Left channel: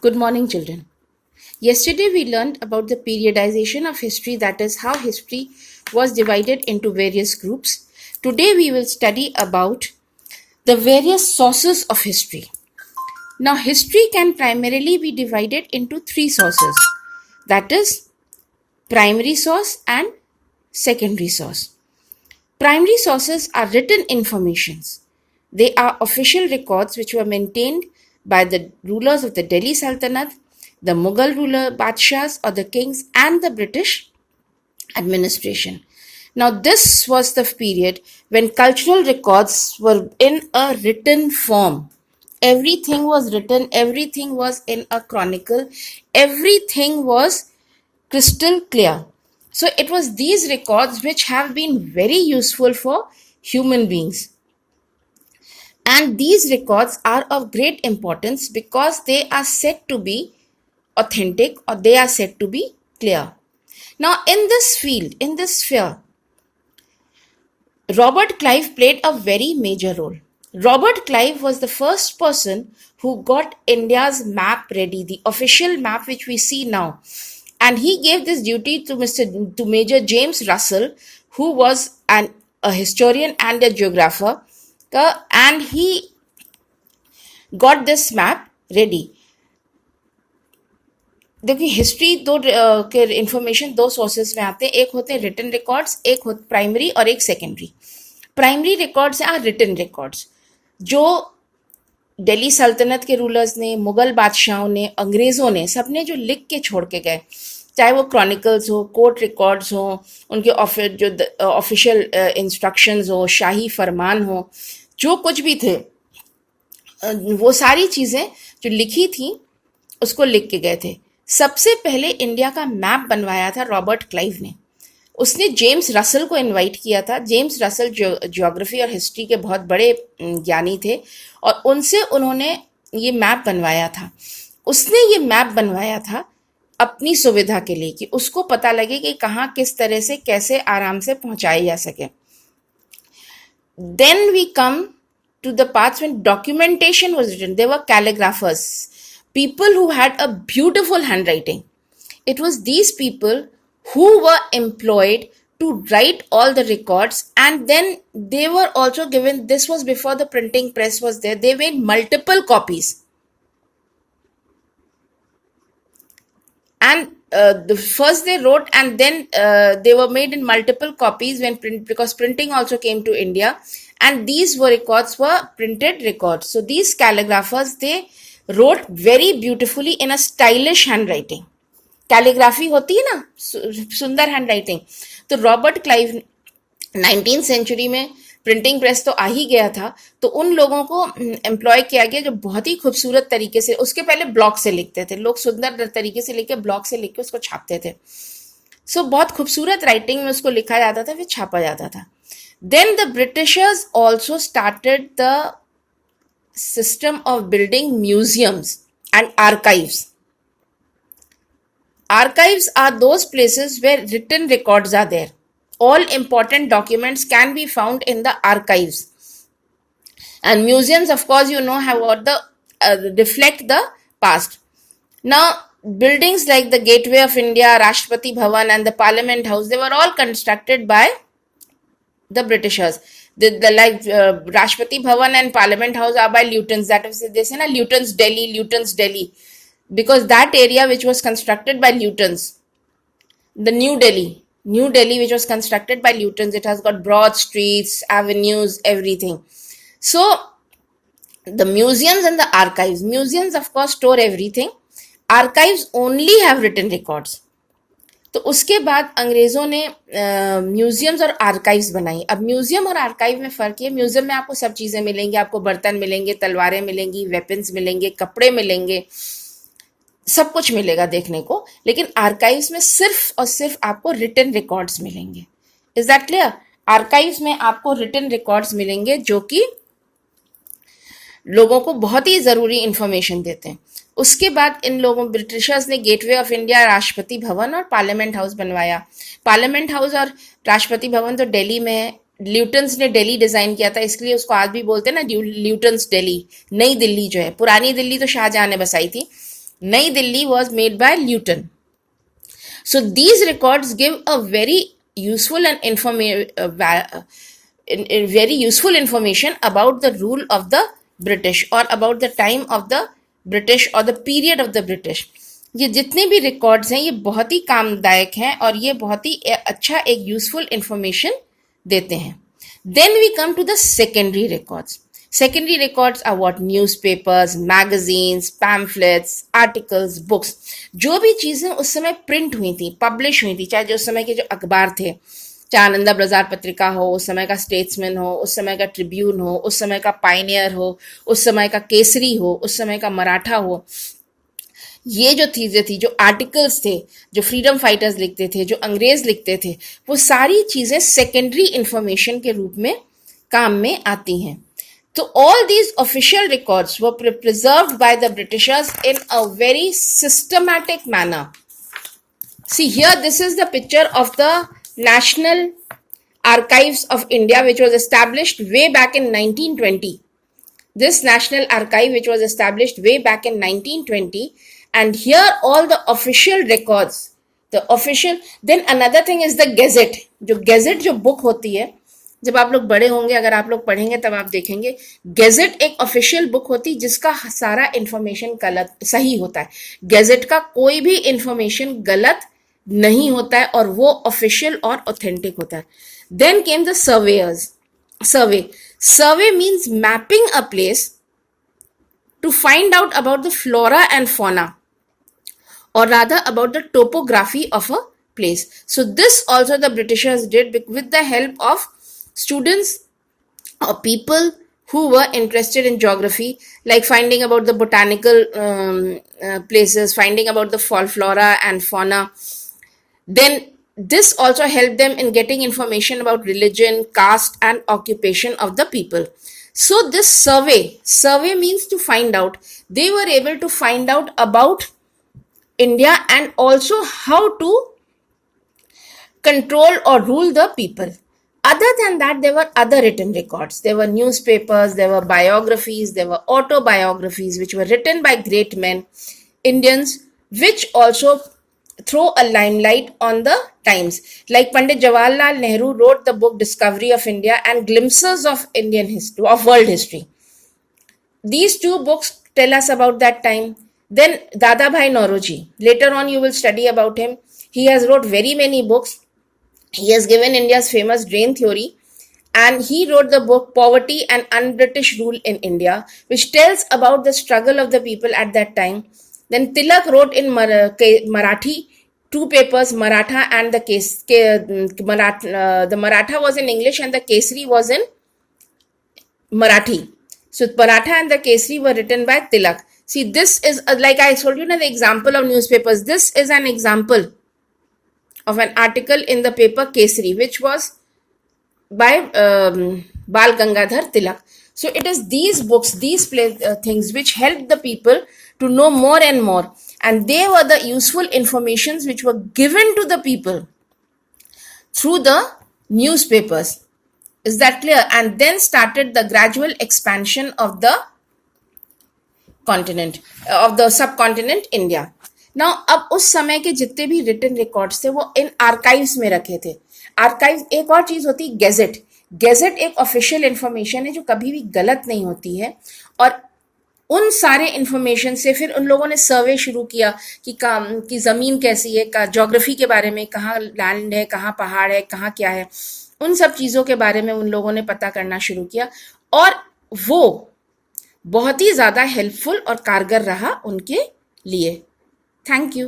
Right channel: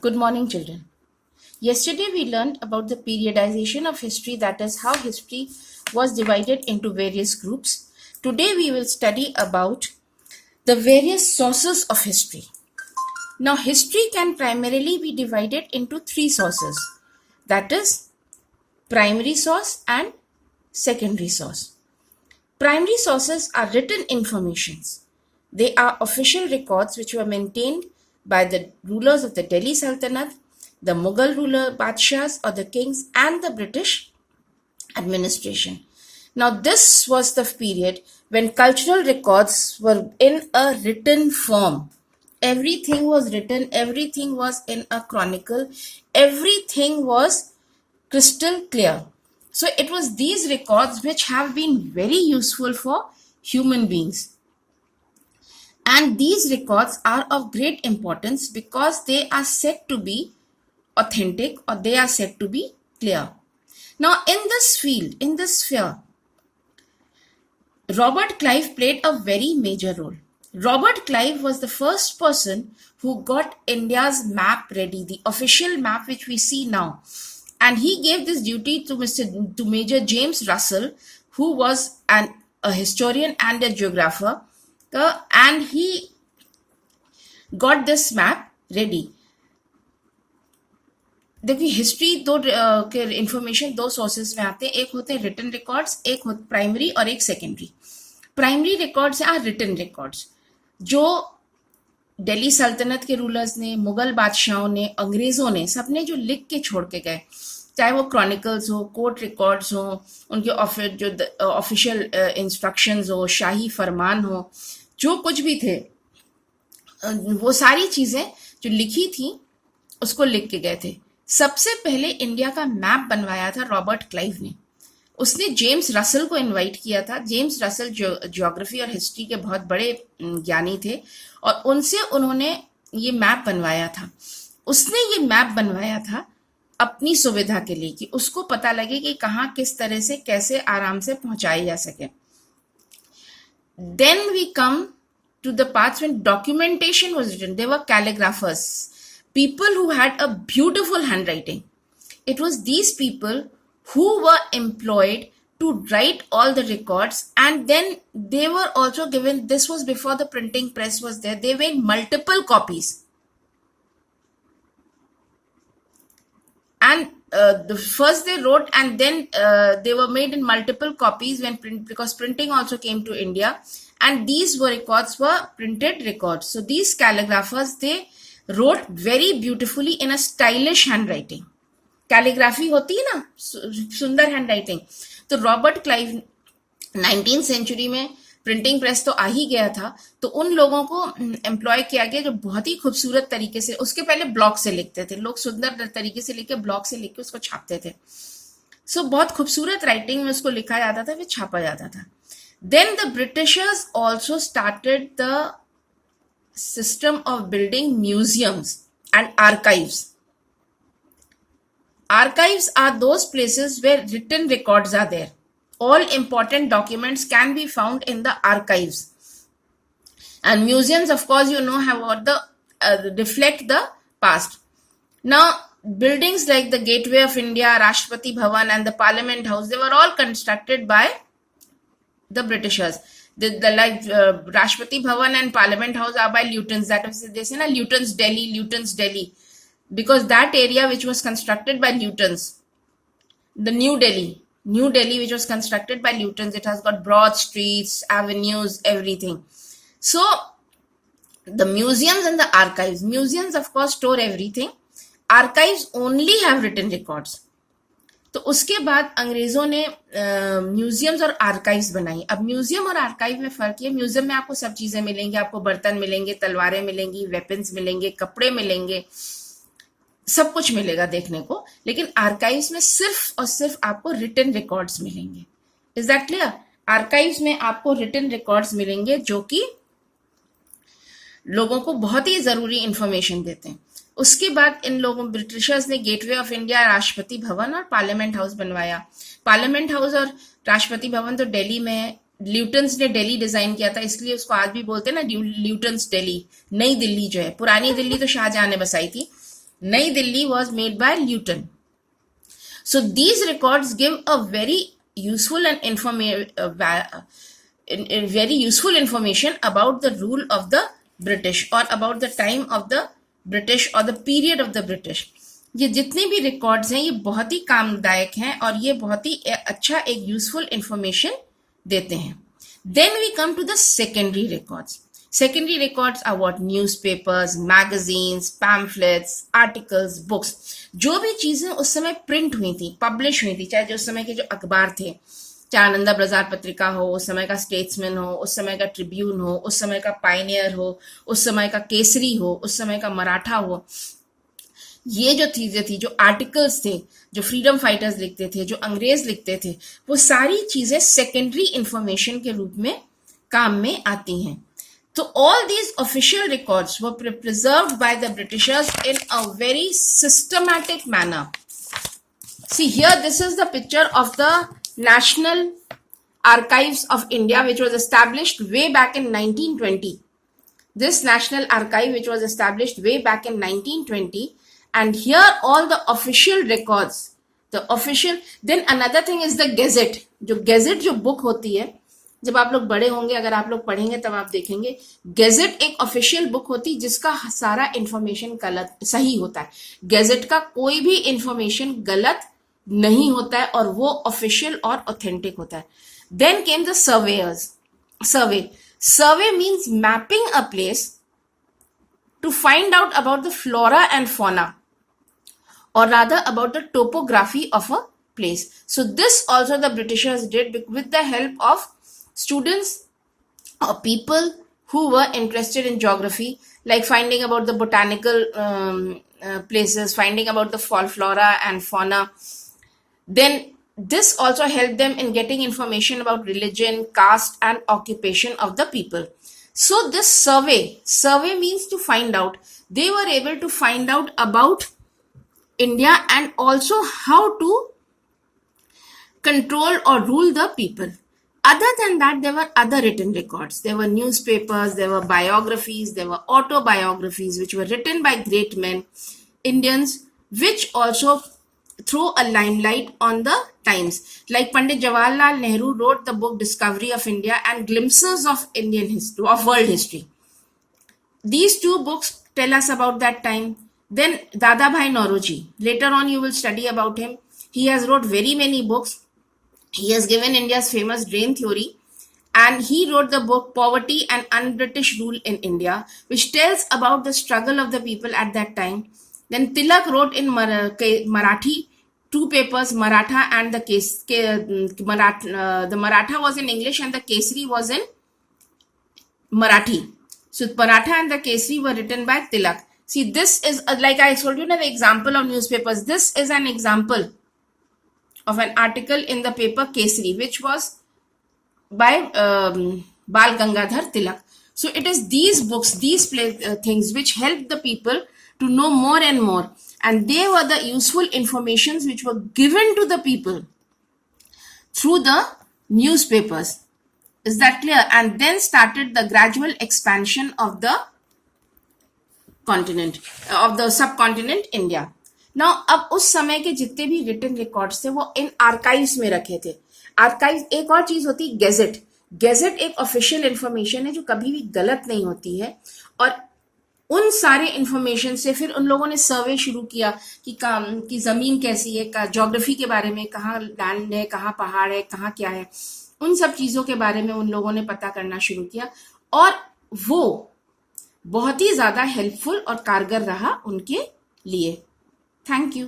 Good morning, children. Yesterday we learned about the periodization of history, that is, how history was divided into various groups. Today we will study about the various sources of history. Now, history can primarily be divided into three sources, that is, primary source and secondary source. Primary sources are written informations. They are official records which were maintained by the rulers of the Delhi Sultanate, the Mughal ruler Badshahs or the kings, and the British administration. Now, this was the period when cultural records were in a written form. Everything was written, everything was in a chronicle, everything was crystal clear. So, it was these records which have been very useful for human beings. And these records are of great importance because they are said to be authentic or they are said to be clear. Now, in this field, in this sphere, Robert Clive played a very major role. Robert Clive was the first person who got India's map ready, the official map which we see now. And he gave this duty to Major James Russell, who was a historian and a geographer, and he got this map ready. देखिए history दो के information दो sources में आते हैं, एक होते हैं रिटन रिकॉर्ड्स, एक होते प्राइमरी और एक secondary. Primary records are written records जो दिल्ली सल्तनत के रूलर्स ने, मुगल बादशाहों ने, अंग्रेजों ने, सबने जो लिख के छोड़ के गए, चाहे वो क्रॉनिकल्स हो, कोर्ट रिकॉर्ड्स हो, उनके जो ऑफिशियल इंस्ट्रक्शंस हो, शाही फरमान हो, जो कुछ भी थे, वो सारी चीजें जो लिखी थी उसको लिख के गए थे. सबसे पहले इंडिया का मैप बनवाया था रॉबर्ट क्लाइव ने. उसने जेम्स रसल को इनवाइट किया था. जेम्स रसल ज्योग्राफी और हिस्ट्री के बहुत बड़े ज्ञानी थे और उनसे उन्होंने ये मैप बनवाया था. उसने ये मैप बनवाया था अपनी सुविधा के लिए कि उसको पता लगे कि कहाँ किस तरह से कैसे आराम से पहुंचाई जा सके. Then we come to the parts when documentation was written. There were calligraphers, people who had a beautiful handwriting. It was these people who were employed to write all the records, and then they were also given, this was before the printing press was there, they made multiple copies. And first they wrote and then they were made in multiple copies because printing also came to India, and these records were printed records. So these calligraphers, they wrote very beautifully in a stylish handwriting. Calligraphy होती है ना, सुंदर handwriting. तो Robert Clive 19th century में printing press तो आ ही गया था, तो उन लोगों को एम्प्लॉय किया गया जो बहुत ही खूबसूरत तरीके से, उसके पहले ब्लॉक से लिखते थे लोग, सुंदर तरीके से लिख के ब्लॉक से लिख के उसको छापते थे. सो बहुत खूबसूरत राइटिंग में उसको लिखा जाता था, फिर छापा जाता था. Then the Britishers also started the system of building museums and archives. Archives are those places where written records are there. All important documents can be found in the archives. And museums, of course, have what reflect the past. Now, buildings like the Gateway of India, Rashtrapati Bhavan, and the Parliament House, they were all constructed by the Britishers. The Rashtrapati Bhavan and Parliament House are by Lutens. That is, they say na, Lutens Delhi, because that area which was constructed by Lutens, the New Delhi which was constructed by Lutens, it has got broad streets, avenues, everything. So the museums and the archives, museums of course store everything, archives only have written records. तो उसके बाद अंग्रेजों ने museums और archives बनाई. अब museum और archive में फर्क है, म्यूजियम में आपको सब चीजें मिलेंगी, आपको बर्तन मिलेंगे, तलवारें मिलेंगी, वेपन्स मिलेंगे, कपड़े मिलेंगे, सब कुछ मिलेगा देखने को. लेकिन आर्काइव्स में सिर्फ और सिर्फ आपको रिटन रिकॉर्ड्स मिलेंगे. Is that clear? आर्काइव्स में आपको रिटन रिकॉर्ड्स मिलेंगे जो कि लोगों को बहुत ही जरूरी इंफॉर्मेशन देते हैं. उसके बाद इन लोगों ब्रिटिशर्स ने gateway of India, Rashtrapati Bhavan और पार्लियामेंट हाउस बनवाया. पार्लियामेंट हाउस और राष्ट्रपति भवन तो दिल्ली में है. ल्यूटन्स ने दिल्ली डिजाइन किया था, इसलिए उसको आज भी बोलते हैं ना ल्यूटन्स दिल्ली, नई दिल्ली जो है. पुरानी दिल्ली तो शाहजहां ने बसाई थी, Nai Delhi was made by Luton. So these records give a very useful and very useful information about the rule of the British or about the time of the British or the period of the British. ये जितने भी records हैं ये बहुत ही कामदायक हैं और ये बहुत ही अच्छा एक यूजफुल इंफॉर्मेशन देते हैं. Then we come to the secondary records. Secondary records are what? Newspapers, magazines, pamphlets, articles, books. जो भी चीजें उस समय प्रिंट हुई थी, पब्लिश हुई थी, चाहे जो उस समय के जो अखबार थे, चाहे आनंदा बाजार पत्रिका हो, उस समय का स्टेट्समैन हो, उस समय का ट्रिब्यून हो, उस समय का पायनियर हो, उस समय का केसरी हो, उस समय का मराठा हो, ये जो चीजें थी, जो आर्टिकल्स थे, जो फ्रीडम फाइटर्स लिखते थे, जो अंग्रेज लिखते थे, वो सारी चीजें सेकेंडरी इंफॉर्मेशन के रूप में काम में आती हैं. So all these official records were preserved by the Britishers in a very systematic manner. See here, this is the picture of the National Archives of India, which was established way back in 1920. This National Archive, which was established way back in 1920, and here all the official records, the official. Then another thing is the Gazette. जो Gazette जो book होती है, जब आप लोग बड़े होंगे, अगर आप लोग पढ़ेंगे तब आप देखेंगे, गैजेट एक ऑफिशियल बुक होती है जिसका सारा इंफॉर्मेशन गलत सही होता है. गैजेट का कोई भी इंफॉर्मेशन गलत नहीं होता है और वो ऑफिशियल और ऑथेंटिक होता है. Then came the surveyors. Survey means mapping a place to find out about the flora and fauna, or rather about the topography of a place. So this also the Britishers did with the help of students or people who were interested in geography, like finding about the botanical places, finding about the flora and fauna. Then this also helped them in getting information about religion, caste and occupation of the people. So this survey means to find out. They were able to find out about India and also how to control or rule the people. Other than that, there were other written records. There were newspapers, there were biographies, there were autobiographies which were written by great men, Indians, which also throw a limelight on the times. Like Pandit Jawaharlal Nehru wrote the book Discovery of India and Glimpses of Indian history, of world history. These two books tell us about that time. Then Dadabhai Naoroji, later on you will study about him. He has wrote very many books. He has given India's famous drain theory, and he wrote the book Poverty and Un-British Rule in India, which tells about the struggle of the people at that time. Then Tilak wrote in Marathi two papers, Maratha and the the Maratha was in English and the Kesari was in Marathi. So Maratha and the Kesari were written by Tilak. See, this is, like I told you, the example of newspapers. This is an example of an article in the paper Kesari, which was by Bal Gangadhar Tilak. So it is these books, these things which helped the people to know more and more. And they were the useful informations which were given to the people through the newspapers. Is that clear? And then started the gradual expansion of the continent, of the subcontinent India. Now, अब उस समय के जितने भी written records थे वो इन archives में रखे थे. आर्काइव एक और चीज होती है गैजेट. गैजेट एक ऑफिशियल इंफॉर्मेशन है जो कभी भी गलत नहीं होती है. और उन सारे इंफॉर्मेशन से फिर उन लोगों ने सर्वे शुरू किया कि जमीन कैसी है, ज्योग्राफी के बारे में, कहाँ लैंड है, कहाँ पहाड़ है, कहाँ क्या है, उन सब चीजों के बारे में उन लोगों ने पता करना शुरू किया. और वो बहुत ही ज्यादा हेल्पफुल और कारगर रहा उनके लिए. Thank you.